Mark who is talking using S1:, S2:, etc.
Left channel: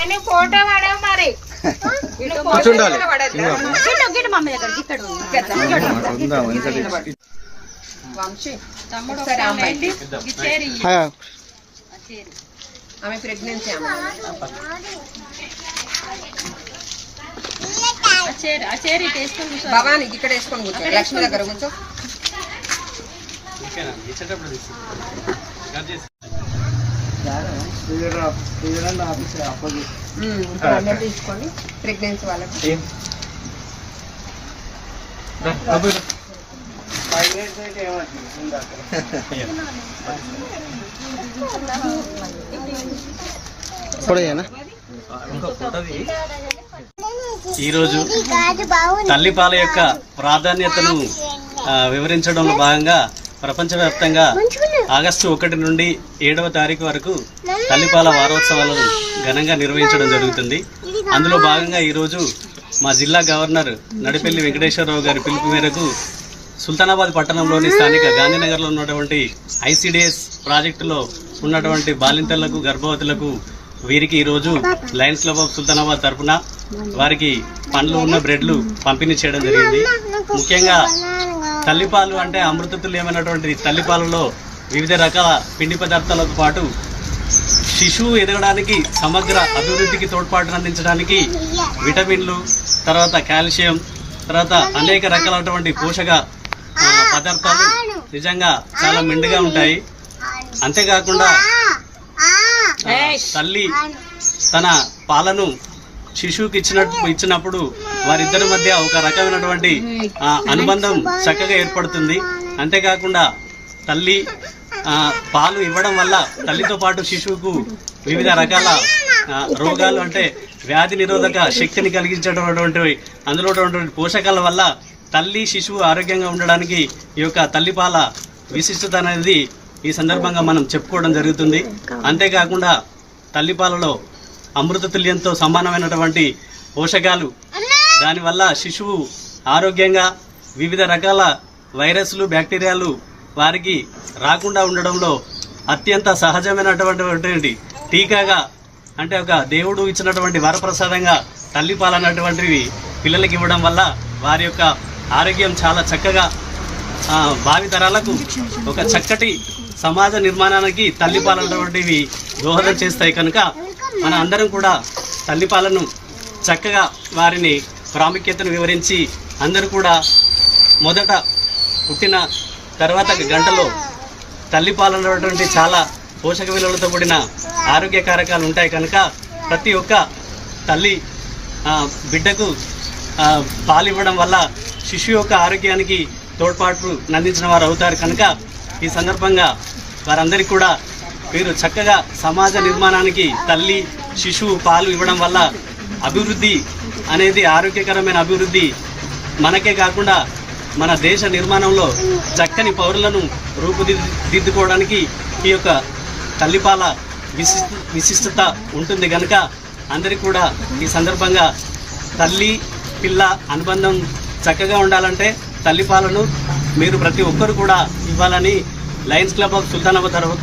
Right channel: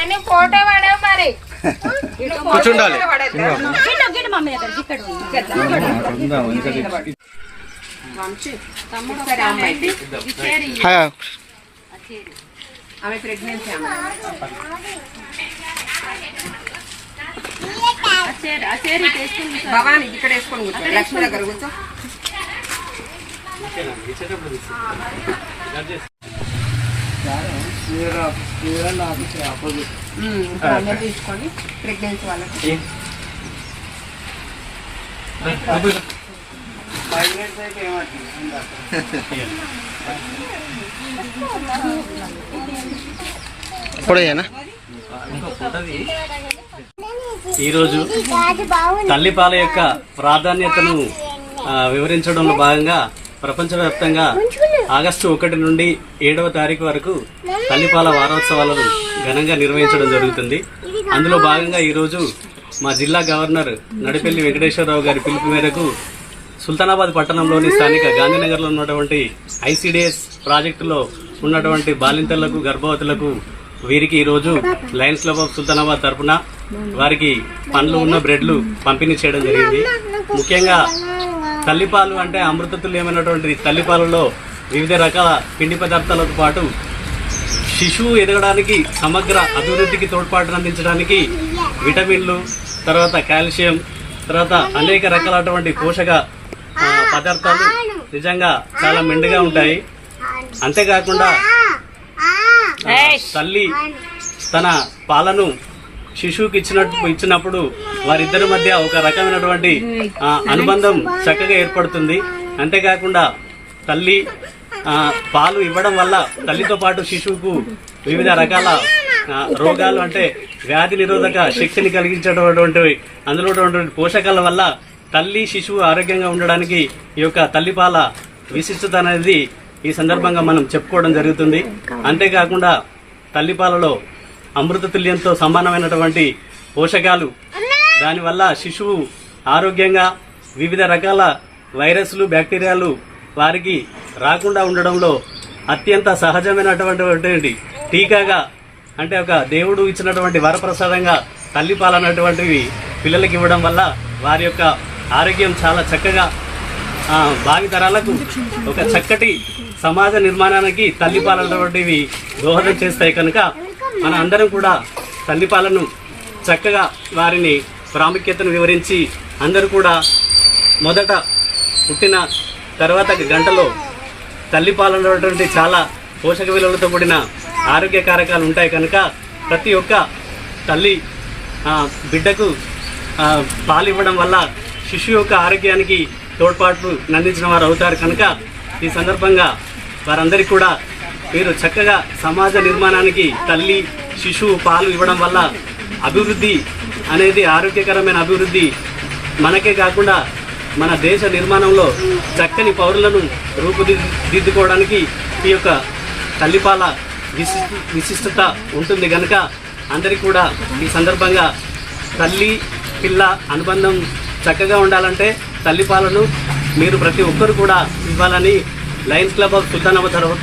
S1: అని ఫోటో పడవు మరి.
S2: కూర్చుండాలి.
S1: ఆమె ప్రెగ్నెన్సీ? భవాని ఇక్కడ వేసుకొని కూర్చో. లక్ష్మి దగ్గర కూర్చో. తీసుకొని ప్రెగ్నెన్సీ వాళ్ళకి.
S2: ఇప్పుడేనా
S3: ఈరోజు తల్లిపాల యొక్క ప్రాధాన్యతను వివరించడంలో భాగంగా ప్రపంచవ్యాప్తంగా ఆగస్టు ఒకటి నుండి ఏడవ తారీఖు వరకు తల్లిపాల వారోత్సవాలను ఘనంగా నిర్వహించడం జరుగుతుంది. అందులో భాగంగా ఈరోజు మా జిల్లా గవర్నర్ నడిపెల్లి వెంకటేశ్వరరావు గారి పిలుపు మేరకు సుల్తానాబాద్ పట్టణంలోని స్థానిక గాంధీనగర్లో ఉన్నటువంటి ఐసిడిఎస్ ప్రాజెక్టులో ఉన్నటువంటి బాలింతలకు గర్భవతులకు వీరికి ఈరోజు లయన్స్ క్లబ్ ఆఫ్ సుల్తానాబాద్ తరఫున వారికి పండ్లు ఉన్న బ్రెడ్లు పంపిణీ చేయడం జరిగింది. ముఖ్యంగా తల్లిపాలు అంటే అమృతతుల్యమైనటువంటి తల్లిపాలలో వివిధ రకాల పిండి పదార్థాలతో పాటు శిశువు ఎదగడానికి సమగ్ర అభివృద్ధికి తోడ్పాటును అందించడానికి విటమిన్లు తర్వాత కాల్షియం తర్వాత అనేక రకాలైనటువంటి పోషక పదార్థాలు నిజంగా చాలా మెండుగా ఉంటాయి. అంతేకాకుండా తల్లి తన పాలను శిశువుకి ఇచ్చినట్టు ఇచ్చినప్పుడు వారిద్దరి మధ్య ఒక రకమైనటువంటి అనుబంధం చక్కగా ఏర్పడుతుంది. అంతేకాకుండా తల్లి పాలు ఇవ్వడం వల్ల తల్లితో పాటు శిశువుకు వివిధ రకాల రోగాలు అంటే వ్యాధి నిరోధక శక్తిని కలిగించేటటువంటి అందులో పోషకాల వల్ల తల్లి శిశువు ఆరోగ్యంగా ఉండడానికి ఈ యొక్క తల్లిపాల విశిష్టత అనేది ఈ సందర్భంగా మనం చెప్పుకోవడం జరుగుతుంది. అంతేకాకుండా తల్లిపాలలో అమృత తుల్యంతో సమానమైనటువంటి పోషకాలు దానివల్ల శిశువు ఆరోగ్యంగా వివిధ రకాల వైరస్లు బ్యాక్టీరియాలు వారికి రాకుండా ఉండడంలో అత్యంత సహజమైనటువంటి టీకాగా అంటే ఒక దేవుడు ఇచ్చినటువంటి వరప్రసాదంగా తల్లిపాలన్నటువంటివి పిల్లలకి ఇవ్వడం వల్ల వారి యొక్క ఆరోగ్యం చాలా చక్కగా భావితరాలకు ఒక చక్కటి సమాజ నిర్మాణానికి తల్లిపాలన్నటువంటివి దోహదం చేస్తాయి కనుక మన అందరం కూడా తల్లిపాలను చక్కగా వారిని ప్రాముఖ్యతను వివరించి అందరూ కూడా మొదట పుట్టిన తర్వాత గంటలో తల్లి పాలనటువంటి చాలా పోషక విలువలతో కూడిన ఆరోగ్య కారకాలు ఉంటాయి కనుక ప్రతి ఒక్క తల్లి బిడ్డకు పాలు ఇవ్వడం వల్ల శిశువు యొక్క ఆరోగ్యానికి తోడ్పాటు అందించిన వారు అవుతారు కనుక ఈ సందర్భంగా వారందరికీ కూడా మీరు చక్కగా సమాజ నిర్మాణానికి తల్లి శిశువు పాలు ఇవ్వడం వల్ల అభివృద్ధి అనేది ఆరోగ్యకరమైన అభివృద్ధి మనకే కాకుండా మన దేశ నిర్మాణంలో చక్కని పౌరులను రూపుదిద్దుకోవడానికి ఈ యొక్క తల్లిపాల విశిష్ట విశిష్టత ఉంటుంది కనుక అందరికీ కూడా ఈ సందర్భంగా తల్లి పిల్ల అనుబంధం చక్కగా ఉండాలంటే తల్లిపాలను మీరు ప్రతి ఒక్కరు కూడా ఇవ్వాలని లయన్స్ క్లబ్ ఆఫ్ సుల్తానాబాద్ తరఫు